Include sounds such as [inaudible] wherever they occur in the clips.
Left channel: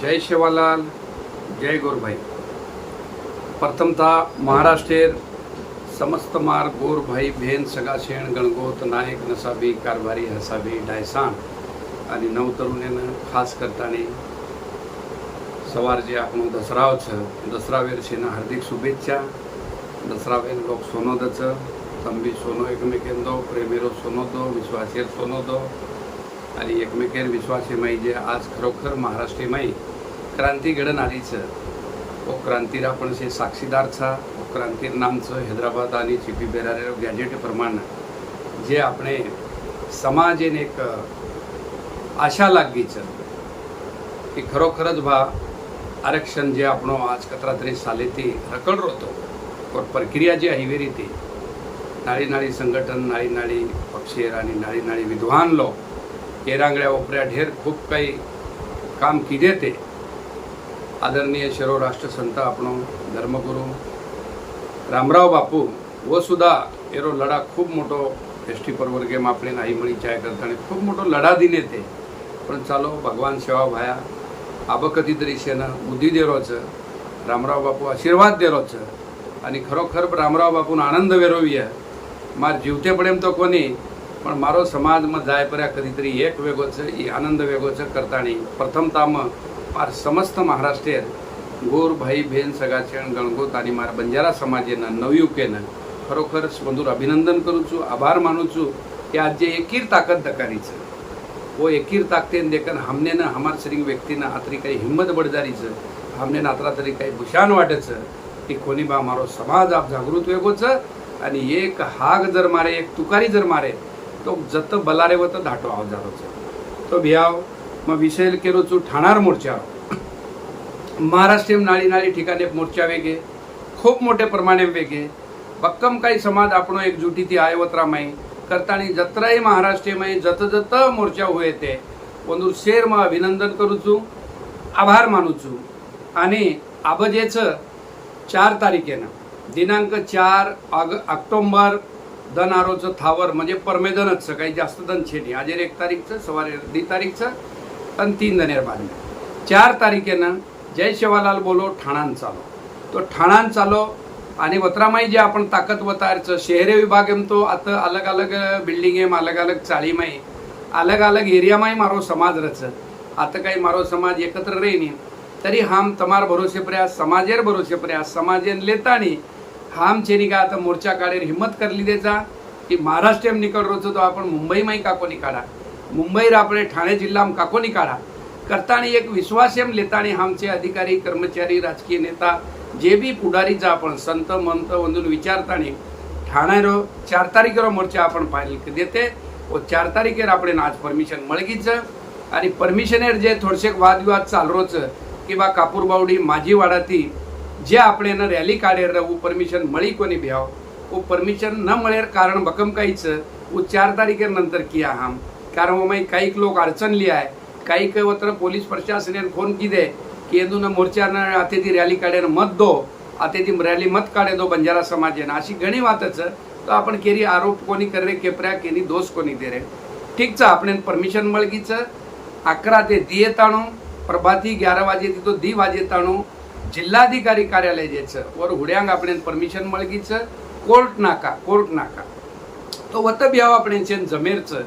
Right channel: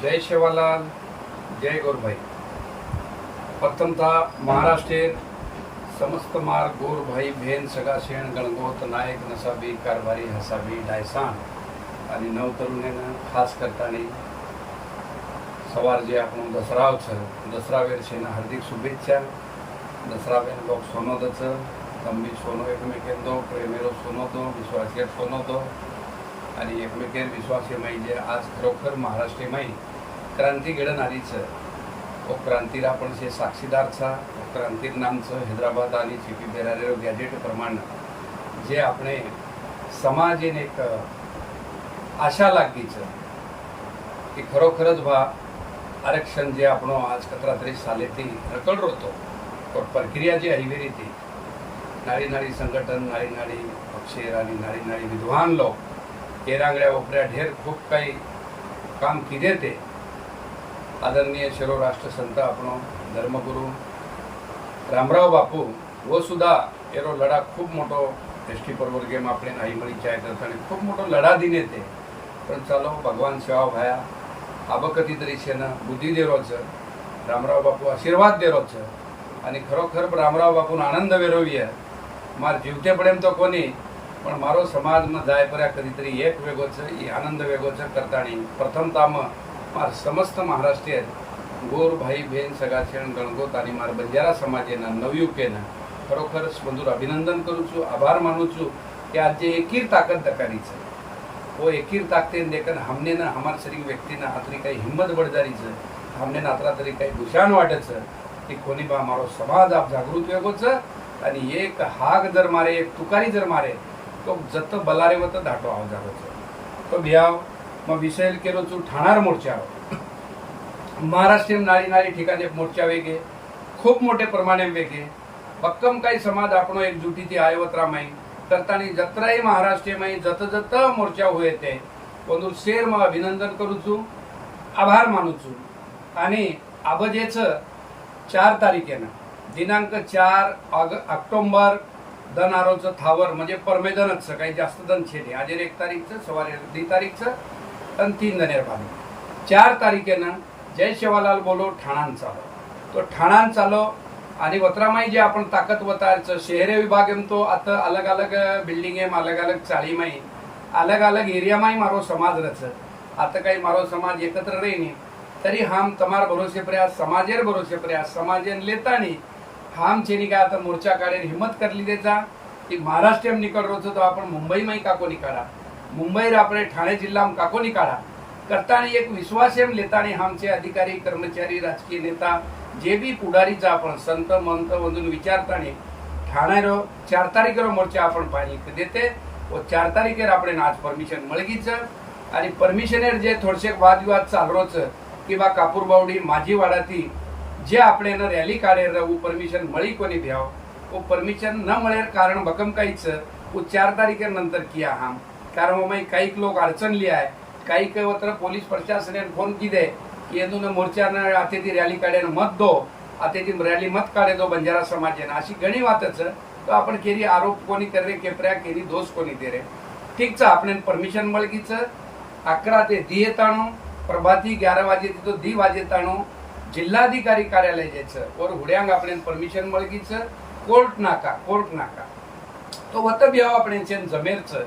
जय शेवालाल जय गोरभाई. प्रथमतः महाराष्ट्रेर समस्त मार गोरभाई भेन सगा शेण गणगोत नायक नसाबी कारभारी हसाबी डायसान आणि नवतरुणीनं खास करताना સવાર જે आपण દસરાવ છે દસરાવેર છેના હાર્દિક શુભેચ્છા દસરાવેર लोक સોનો तंबी सोनो एकमेकेंदो સોનો सोनोदो विश्वासेर સોનો आणि एकमेकेर विश्वासेमाई जे आज खरोखर महाराष्ट्रेमाई क्रांती घडण आली છે ओ क्रांतीर आपण से साक्षीदार छा ओ क्रांतीर नामचं हैदराबाद आणि चिपी बेरारेरो गॅजेट प्रमाण जे આપણે સમાજેને એક આશા લાગી છે કે ખરોખર જ ભા આરક્ષણ જે આપણો આજ કતરાત્રી સાલેથી રકડરો હતો પણ પ્રક્રિયા જે આવી હતી નાળી નાળી સંગઠન નાળી નાળી પક્ષેર आणि નાળી નાળી વિદ્વાન લોક तेरांगड्या ओपऱ्या ढेर खूप काही काम किजे ते. आदरणीय शिरो राष्ट्रसंत आपण धर्मगुरू रामराव बापू व सुद्धा एरो लढा खूप मोठो एस टी परवर्गे मापणे आईमळी चाय करताना खूप मोठो लढा दिने ते. पण चालो भगवान सेवा भाया आबकती तरीशेनं बुद्धी देरोचं रामराव बापू आशीर्वाद देरोचं आणि खरोखर रामराव बापून आनंद वेरोवी मार जीवते जिवतेपडेम तो कोणी પણ મારો સમાજમાં જાય પર્યા કદીતરી એક વેગો છે એ આનંદ વેગો છે કરતાણી પ્રથમતામાં માર સમસ્ત મહારાષ્ટ્રીય ગોર ભાઈ બહેન સગાચેણ ગણગોત અને મારા બંજારા સમાજેના નવયુકેના ખરોખર બધું અભિનંદન કરું છું આભાર માનું છું કે आज જે एकीर ताकद दकारी છે वो एकीर ताकतेन देखन हमने ना हमार शरीर व्यक्तीना आतरी काही हिंमत बडजारी છે हमने ना आतरा तरी काही भूषाण वाटे છે की कोणी बा मारो समाज आप जागृत वेगो છે आणि एक हाग जर मारे एक तुकारी जर मारे तो जत बलारेवत धाटो आहोत झालोच तो. भियाव मग विसेल केलो चू ठाणार मोर्चा महाराष्ट्र नाळी नाळी ठिकाणी मोर्चा वेगे खूप मोठे प्रमाणे वेगे. भक्कम काही समाज आपण एकजुटी ती आयवत्रा माही करताना जत्राही महाराष्ट्र माही जत जत मोर्चा हो येते पण शेर मग अभिनंदन करूचो आभार मानूचो आणि आबजेचं चार तारखेनं दिनांक चार ऑग ऑक्टोंबर दन आरोचं थावर म्हणजे परमेदनच काही जास्त दन छेटी आजेर एक तारीखचं सवारी दी तारीखचं आणि तीन दनेर बांधले चार तारखेनं जय शिवालाल बोलो ठाणान चालो. तो ठाणान चालो आणि वत्रामाई जे आपण ताकद वतारचं शहरे विभाग तो आता अलग अलग बिल्डिंग एम अलग अलग चाळीमाई अलग अलग एरियामाय मारो समाज रच आता काही मारो समाज एकत्र रेनी तरी हम तमार भरोसे प्रयास समाजेर भरोसे प्रयास समाजेन लेतानी खाम છે નહીં आता मोर्चा काढेल. हिम्मत કરલી દેતા की મહારાષ્ટ્ર એમ નીકળરો तो आपण આપણ મુંબઈમાં કાકો काढा મુંબઈ આપણે ठाणे જિલ્લામાં કાકો નીકાળા કરતાની एक विश्वास એમ લેતાની हामचे अधिकारी कर्मचारी राजकीय नेता जे बी पुढारीच आपण संत मंत म्हणून विचारताने रो चार रो मोर्चा आपण पाहिजे देते. व चार तारखेला आपण आज परमिशन मळगीच. आणि परमिशनेर जे थोडशेक वादविवाद चालरोच किंवा कापूरबावडी माझी वाडाती જે આપણે એને રેલી કાઢે રહું પરમિશન મળી કોની ભ્યાવ वो परमिशन न મળેર कारण भक्कम काहीच वो चार तारखेनंतर किया हम कारण वो माई काही लोक अडचणली आहे काही काही वत्र पोलीस प्रशासनाने फोन किदे की येदून मोर्चानं आते ती रॅली काढेन मत दो आते ती रॅली मत काढे दो बंजारा समाजेनं अशी घणी वातच તો आपण केरी आरोप कोणी करे केपऱ्या केनी दोष कोणी दे रे ઠીક છે આપણે પરમિશન મળી છે અકરા તે દીએ તાણું પ્રભાતી ગ્યાર વાગે તો દી વાજે તાણું जिल्हाधिकारी कार्यालय द्यायचं वर हुड्यांग आपण परमिशन मळगीचं कोर्ट नाका कोर्ट नाका. तो वत बिहाव आपण जमेरचं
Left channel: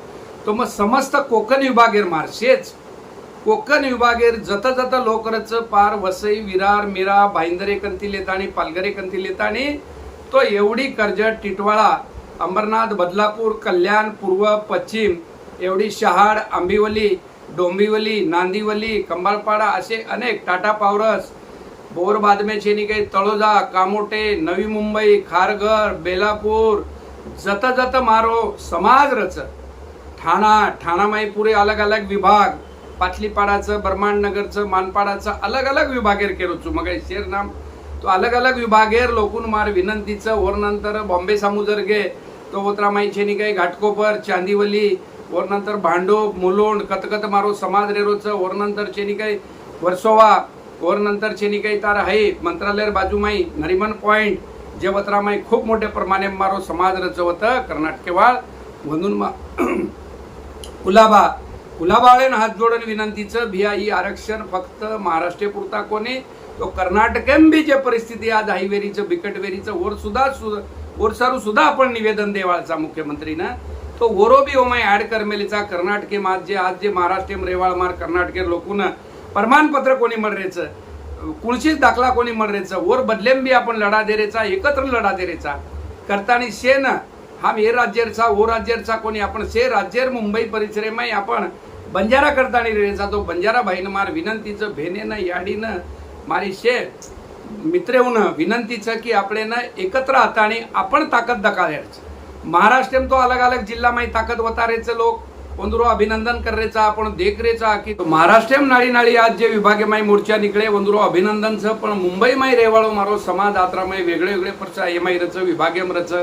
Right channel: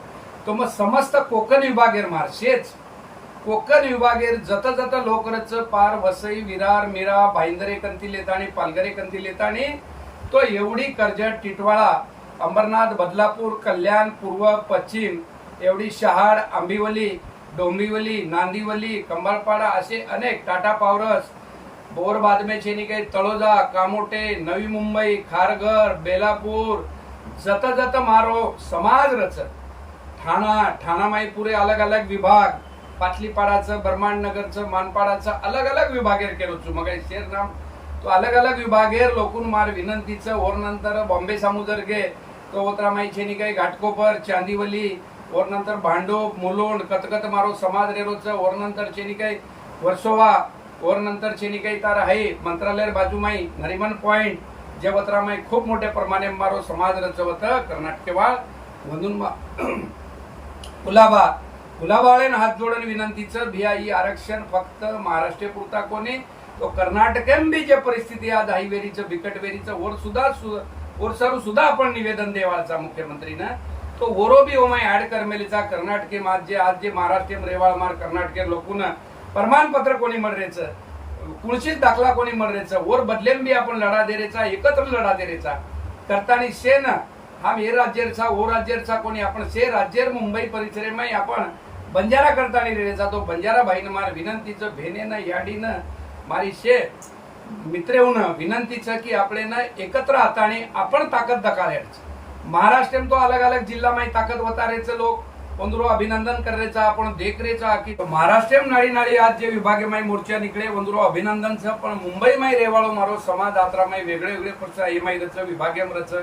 तो मग समस्त कोकण विभागेर मारशेच. कोकण विभागेर जत जत लोकरच पार वसई विरार मिरा भाईंदरे कंतील आणि पालघरे कंतील आणि तो एवढी कर्जत टिटवाळा अंबरनाथ बदलापूर कल्याण पूर्व पश्चिम एवढी शहाड आंबिवली डोंबिवली नांदिवली कंबाळपाडा असे अनेक टाटा पावरस बोर बादमेचे निके तळोजा कामोटे नवी मुंबई खारघर बेलापूर. जत जत मारो समाज रच. ठाणा ठाणामाई पुरे अलग अलग विभाग. पाटलीपाडाचं ब्रह्मांड नगरचं मानपाडाचं अलग अलग विभागेर केलो चू मग शेर नाम. तो अलग अलग विभागेर लोकून मार विनंतीचं वर नंतर बॉम्बे सामुजर गे तो ओत्रामाई छेनी काही घाटकोपर चांदिवली. वर नंतर भांडोप मुलोंड कतकत मारो समाज रेरोचं. वर नंतर छेनी काही वर्सोवा. वर नंतर छेनी तार आहे मंत्रालय बाजूमाई नरिमन पॉइंट जे वत्रामाई खूप मोठ्या प्रमाणे मारो समाज रचवत कर्नाटकेवाळ म्हणून [clears throat] कुलाबा. कुलाबाळेन हात जोडून विनंतीचं भियाई आरक्षण फक्त महाराष्ट्र कोणी? तो कर्नाटकेन बी जे परिस्थिती आज हायवेरीचं बिकटवेरीचं वर सुद्धा सु- वर सारू सुद्धा आपण निवेदन देवाळचा मुख्यमंत्रीनं. तो वरो बी ओमाय ऍड करमेलीचा कर्नाटके आज जे आज जे महाराष्ट्रीयम रेवाळ मार कर्नाटके लोकून प्रमाणपत्र कोणी मर्रेचं कुळशीत दाखला कोणी मर्रेचं वर बदलेम बी आपण लढा देरेचा एकत्र लढा देरेचा. करतानी शेन हा हे राज्यरचा ओ राज्यरचा कोणी आपण शे राज्यर मुंबई परिसरेमाई आपण बंजारा करतानी रेचा तो बंजारा भाईनं मार विनंतीचं भेनेनं याडीनं मारी शे मित्रेऊन विनंतीचं की आपले ना एकत्र हाताने आपण ताकद दकाळायचं महाराष्ट्र तो अलग अलग जिल्हा माही ताकद वतारेचं लोक वंदुरो अभिनंदन करायचा आपण देखरेचा की महाराष्ट्र नाळी नाळी आज जे विभागे माई मोर्चा निकळे अभिनंदन अभिनंदनचं पण मुंबई माई रेवाळो मारो समाज यात्रा वेगळे वेगळे परचा हे माई रच विभागेम रच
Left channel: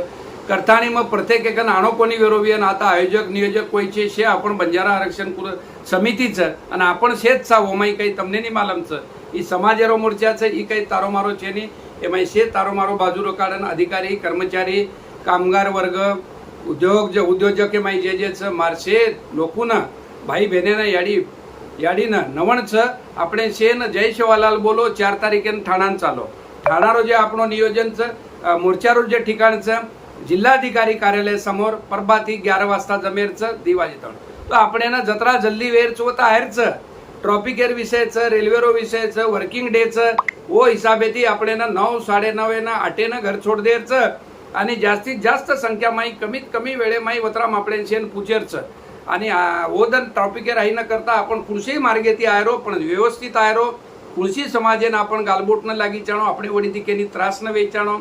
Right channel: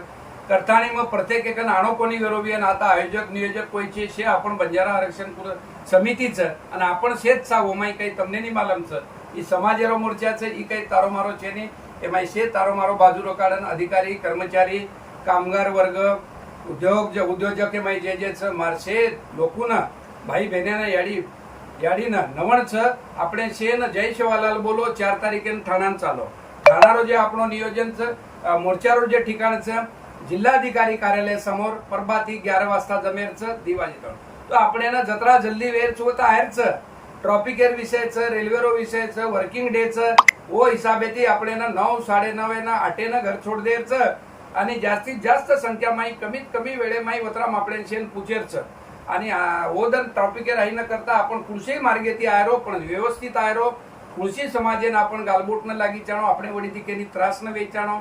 करताना मग प्रत्येक एक आणो कोणी विरोधी आणि आता आयोजक नियोजक कोयचे शे आपण बंजारा आरक्षण कुर समितीचं आणि आपण शेत चा ओमाई काही तमने नाही मालमचं ही समाजेरो मोर्चाचं ही काही तारोमारो चेनी हे माई शे तारोमारो बाजूरो काढण अधिकारी कर्मचारी कामगार वर्ग उद्योग जे उद्योजक माई माहिती जे जे मारसे लोकून भाई बहिणे ना याडी याडी ना नवण च आपण शेन जय शेवालाल बोलो चार तारीखे ठाण्यात चालो. ठाणार रोजे आपण नियोजन च मोर्चावर जे ठिकाणच जिल्हाधिकारी कार्यालय समोर परबाती ग्यार वाजता जमेरच दिवाळी तोड तो आपण ना जत्रा जल्दी वेर व तयारच ट्रॉफिक एअर विषयच रेल्वे रो विषयच वर्किंग डे च व हिसाबेती आपण ना नऊ साडे नऊ ना आठे ना घर छोड देच आणि जास्तीत जास्त संख्या माही कमीत कमी वेळे माई वतराम आपले शेन पुजेरचं. आणि ओदन ट्रॉपिके राही न करता आपण कुणशीही मार्गे ती आयरो पण व्यवस्थित आयरो. कुणशी समाजेन आपण गालबोट न लागीचाणो आपणे वडी केली त्रास न वेचाणो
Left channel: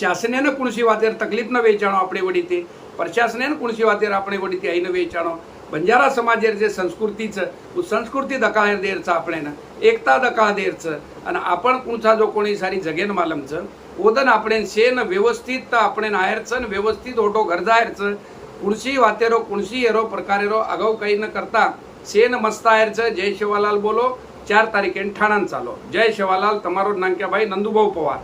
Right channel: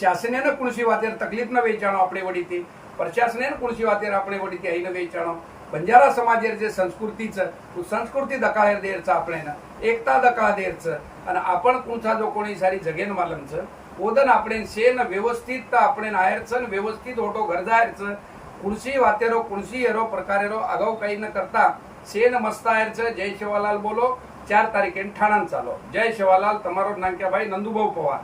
शासनेनं कुणशी वातेर तकलीफ न वेचाणो आपणे वडी ती. प्रशासनेनं कुणशी वातेर आपणे वडी ती आई न वेचाणो बंजारा समाजाचे संस्कृतीचं संस्कृती दकाळेर देरचं आपणेनं एकता दकाळ देरचं आणि आपण कुणचा जो कोणी सारी जगेन मालमचं ओदन आपण शेन व्यवस्थित आपण आयरचं व्यवस्थित ओटो घर कुणशी वातेरो कुणशी येरो प्रकारेरो आगाऊ काही न करता शेन मस्त जय शिवालाल बोलो चार तारखेन ठाणान चालो. जय शिवालाल तमारो नांक्याबाई नंदुभाऊ पवार.